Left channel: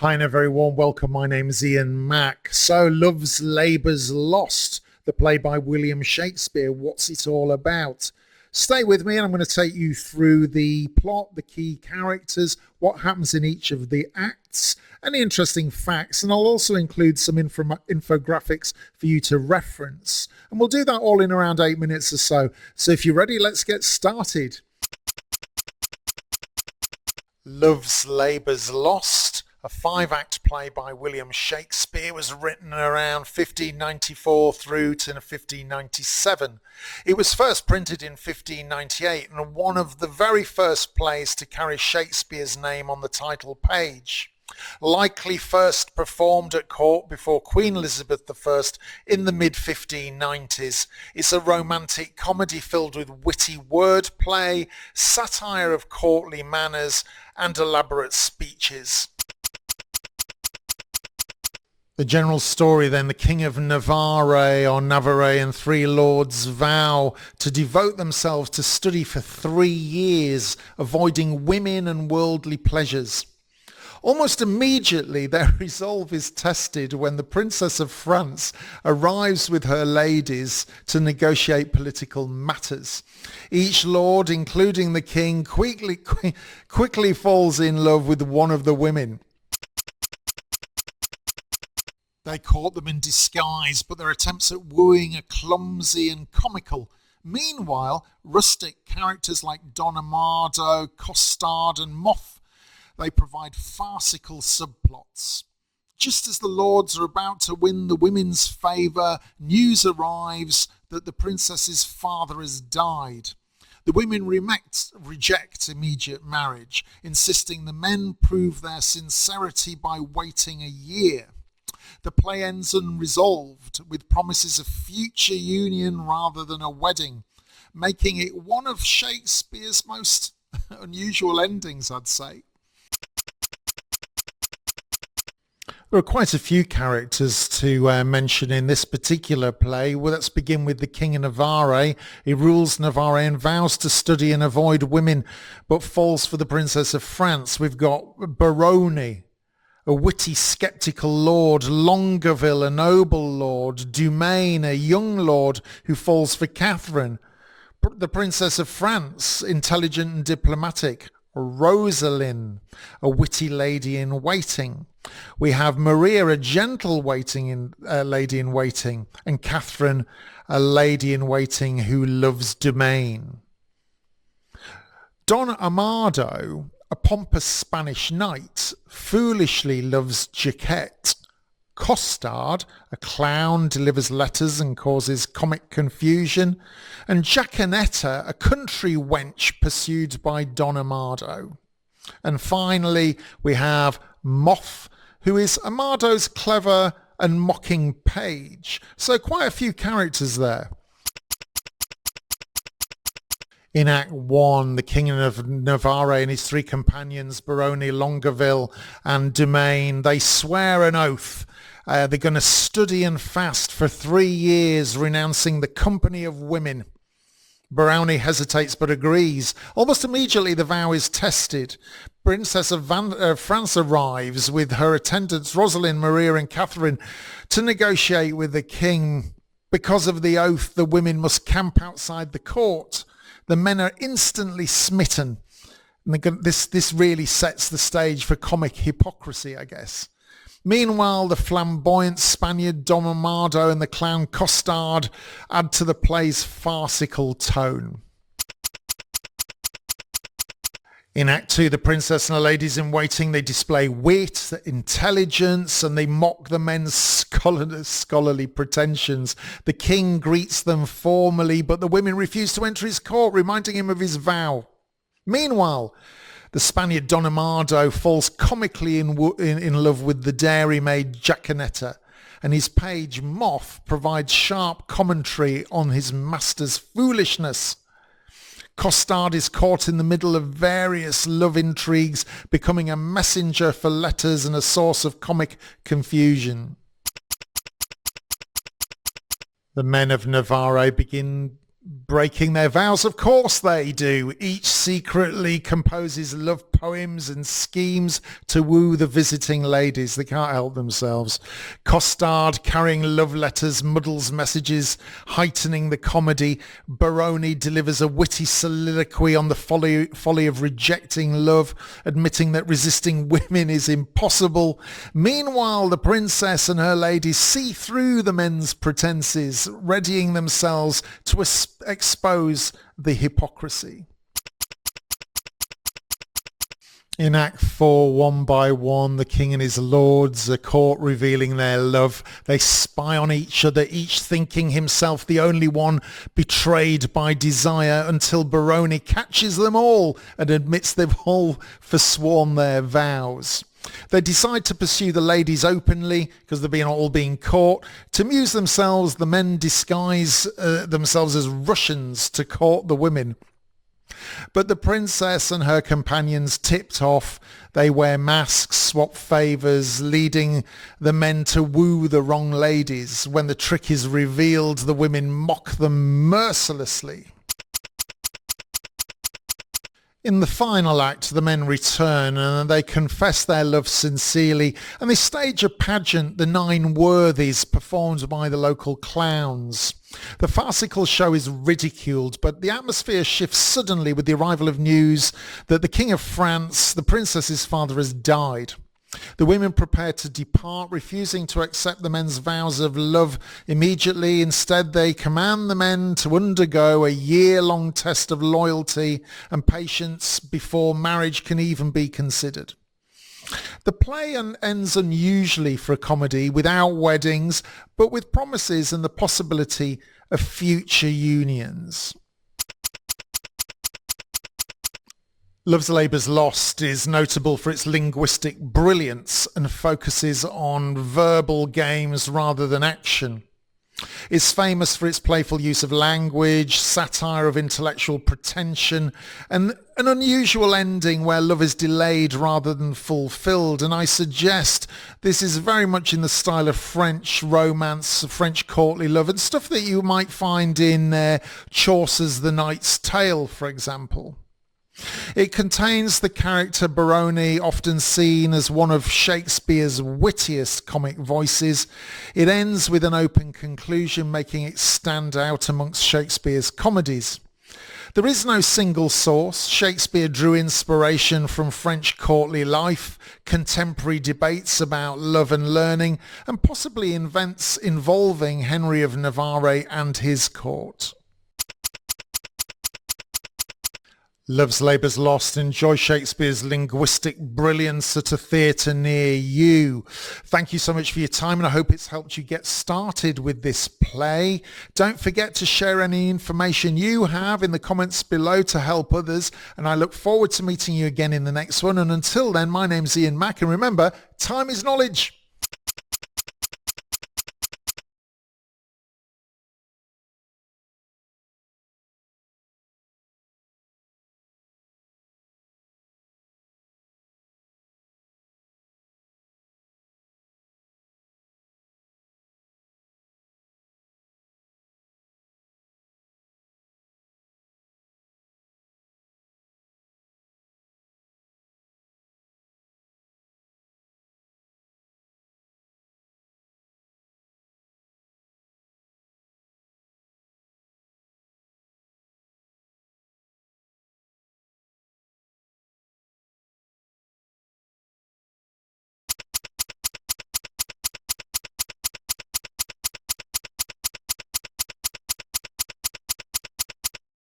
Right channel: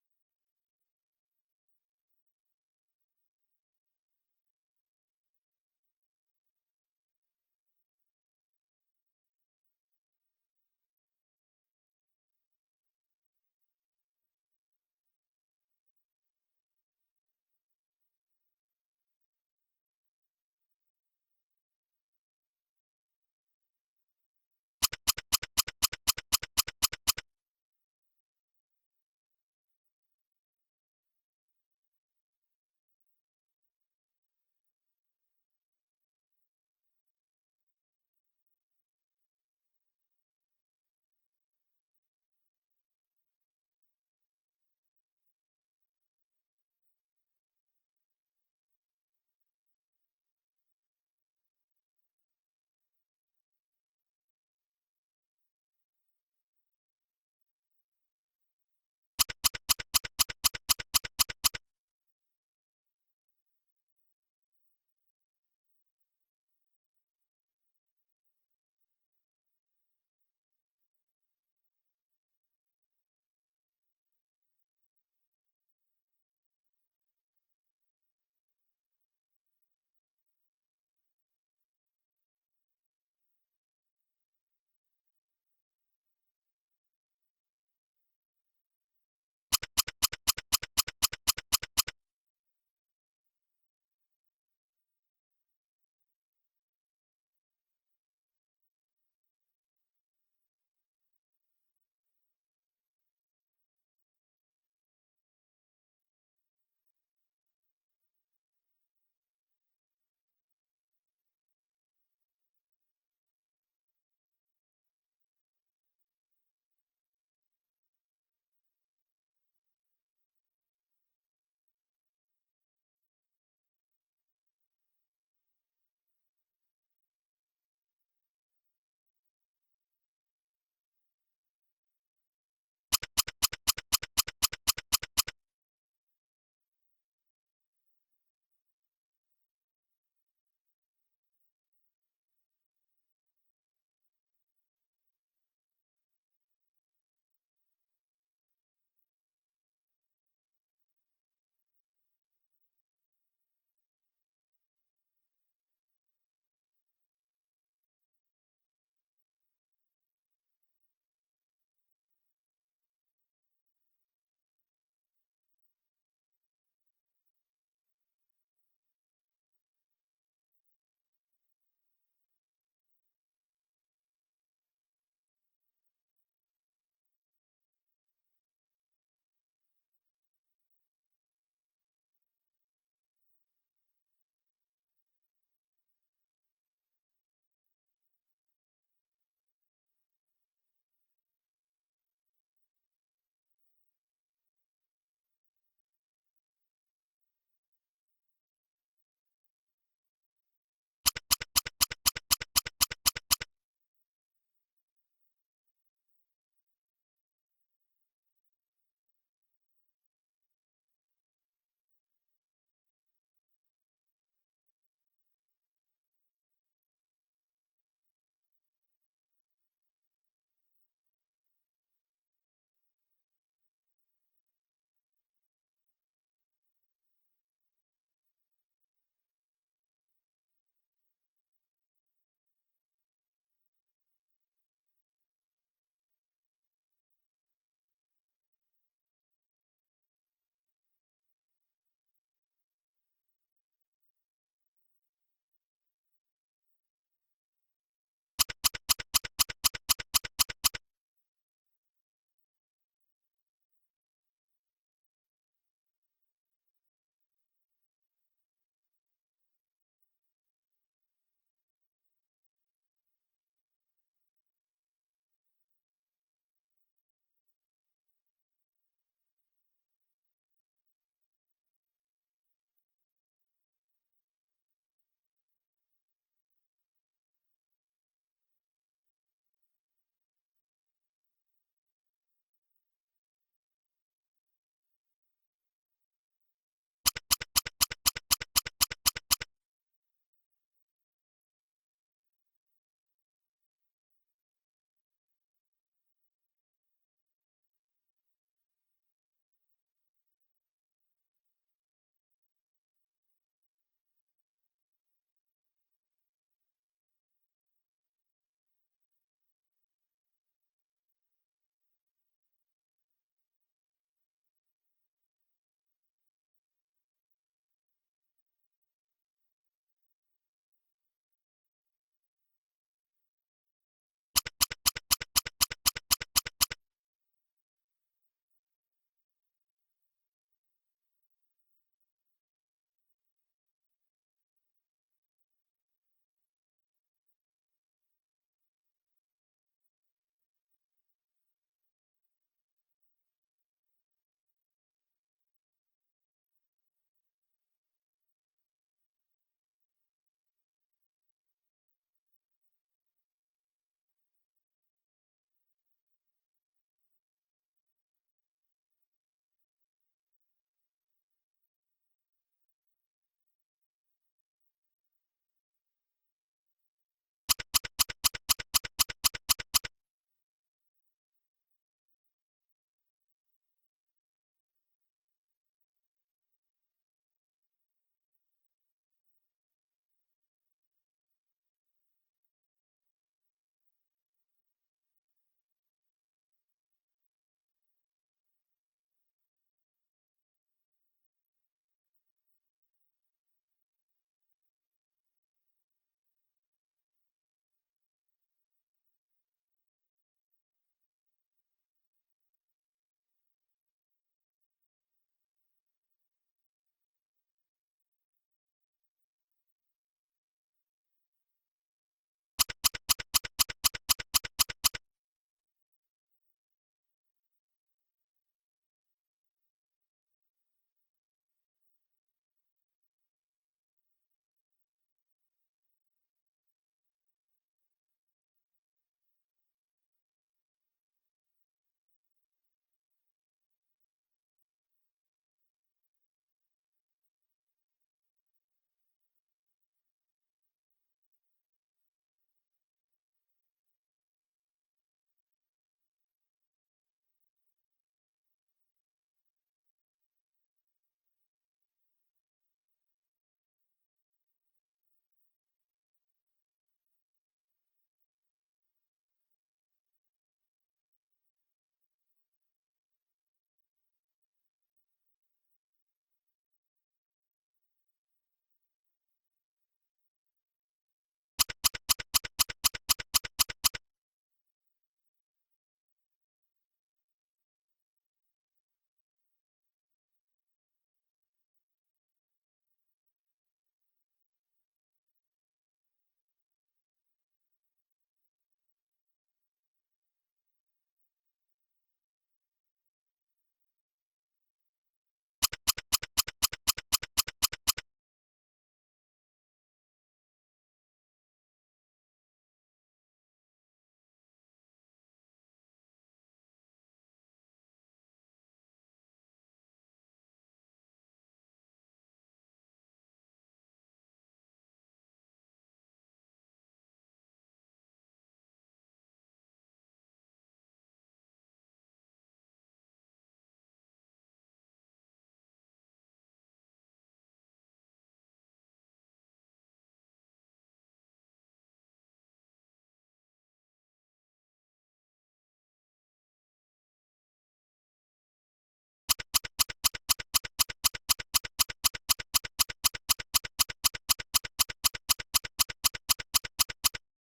Hi and a very warm welcome. My name's Ian Mack. So, Love's Labour's Lost, the play by William Shakespeare. What's it all about? Stay with me and I'm going to take you through the plot, the key characters, what happens in each of the acts, any interesting facts, and I'll also include some infographics for you to reference. And we'll do that all in around 8 minutes or so. So if you're ready, let's get started. Love's Labour's Lost, a 5-act play by William Shakespeare, was written around 1594 through to 1597. It was first printed in 1598 and one of the very first plays to carry Shakespeare's name on the title page. Likely first performed at court before Queen Elizabeth I in the mid-1590s. It's a romantic comedy filled with witty wordplay, satire of courtly manners, and elaborate speeches. The general story then: the King of Navarre and 3 lords vow to devote themselves to study for 3 years, avoiding women and worldly pleasures. Almost immediately their resolve is tested when the Princess of France arrives with her ladies to negotiate political matters. Each lord, including the king, quickly falls in love with one of the women. They court them in disguise, but their attempts at wooing are clumsy and comical. Meanwhile, rustic characters like Don Amado, Costard and Moth, they provide farcical subplots. Just as the lords are about to win the women's favour, news arrives that the princess's father has died. The women reject immediate marriage, insisting the men prove their sincerity by waiting a year. The play ends unresolved, with promises of future union rather than a wedding, making it one of Shakespeare's most unusual endings, I'd say. There are quite a few characters to mention in this particular play. Well, let's begin with the King of Navarre. He rules Navarre and vows to study and avoid women, but falls for the Princess of France. We've got Baroni, a witty, sceptical lord; Longueville, a noble lord; Dumaine, a young lord who falls for Catherine; the Princess of France, intelligent and diplomatic; Rosaline, a witty lady in waiting. We have Maria, a gentle lady in waiting, and Catherine, a lady in waiting who loves Dumaine. Don Amado, a pompous Spanish knight, foolishly loves Jaquette. Costard, a clown, delivers letters and causes comic confusion. And Jacanetta, a country wench pursued by Don Amado. And finally, we have Moth, who is Amado's clever and mocking page. So quite a few characters there. In Act 1, the King of Navarre and his 3 companions, Baroni, Longueville and Dumaine, they swear an oath. They're going to study and fast for 3 years, renouncing the company of women. Baroni hesitates but agrees. Almost immediately the vow is tested. Princess of France arrives with her attendants Rosaline, Maria and Catherine to negotiate with the king. Because of the oath, the women must camp outside the court. The men are instantly smitten. And this really sets the stage for comic hypocrisy, I guess. Meanwhile, the flamboyant Spaniard Don Amado and the clown Costard add to the play's farcical tone. In Act 2, the princess and the ladies in waiting, they display wit, intelligence, and they mock the men's scholarly pretensions. The king greets them formally, but the women refuse to enter his court, reminding him of his vow. Meanwhile, the Spaniard Don Amado falls comically in love with the dairymaid Jacanetta, and his page Moth provides sharp commentary on his master's foolishness. Costard is caught in the middle of various love intrigues, becoming a messenger for letters and a source of comic confusion. The men of Navarre begin Breaking their vows, of course they do. Each secretly composes love poems and schemes to woo the visiting ladies. They can't help themselves. Costard carrying love letters muddles messages, heightening the comedy. Baroni delivers a witty soliloquy on the folly of rejecting love, admitting that resisting women is impossible. Meanwhile, the princess and her ladies see through the men's pretenses, readying themselves to expose the hypocrisy. In Act 4, one by one, the king and his lords, the court revealing their love. They spy on each other, each thinking himself the only one betrayed by desire, until Baroni catches them all and admits they've all forsworn their vows. They decide to pursue the ladies openly because they're all being caught. To amuse themselves, the men disguise themselves as Russians to court the women. But the princess and her companions tipped off. They wear masks, swap favours, leading the men to woo the wrong ladies. When the trick is revealed, the women mock them mercilessly. In the final act, the men return and they confess their love sincerely, and they stage a pageant, the Nine Worthies, performed by the local clowns. The farcical show is ridiculed, but the atmosphere shifts suddenly with the arrival of news that the King of France, the princess's father, has died. The women prepare to depart, refusing to accept the men's vows of love immediately. Instead, they command the men to undergo a year-long test of loyalty and patience before marriage can even be considered. The play ends unusually for a comedy, without weddings, but with promises and the possibility of future unions. Love's Labour's Lost is notable for its linguistic brilliance and focuses on verbal games rather than action. It's famous for its playful use of language, satire of intellectual pretension, and an unusual ending where love is delayed rather than fulfilled. And I suggest this is very much in the style of French romance, French courtly love, and stuff that you might find in Chaucer's The Knight's Tale, for example. It contains the character Baroni, often seen as one of Shakespeare's wittiest comic voices. It ends with an open conclusion, making it stand out amongst Shakespeare's comedies. There is no single source. Shakespeare drew inspiration from French courtly life, contemporary debates about love and learning, and possibly events involving Henry of Navarre and his court. Love's Labour's Lost. Enjoy Shakespeare's linguistic brilliance at a theatre near you. Thank you so much for your time, and I hope it's helped you get started with this play. Don't forget to share any information you have in the comments below to help others, and I look forward to meeting you again in the next one. And until then, my name's Ian Mack, and remember, time is knowledge.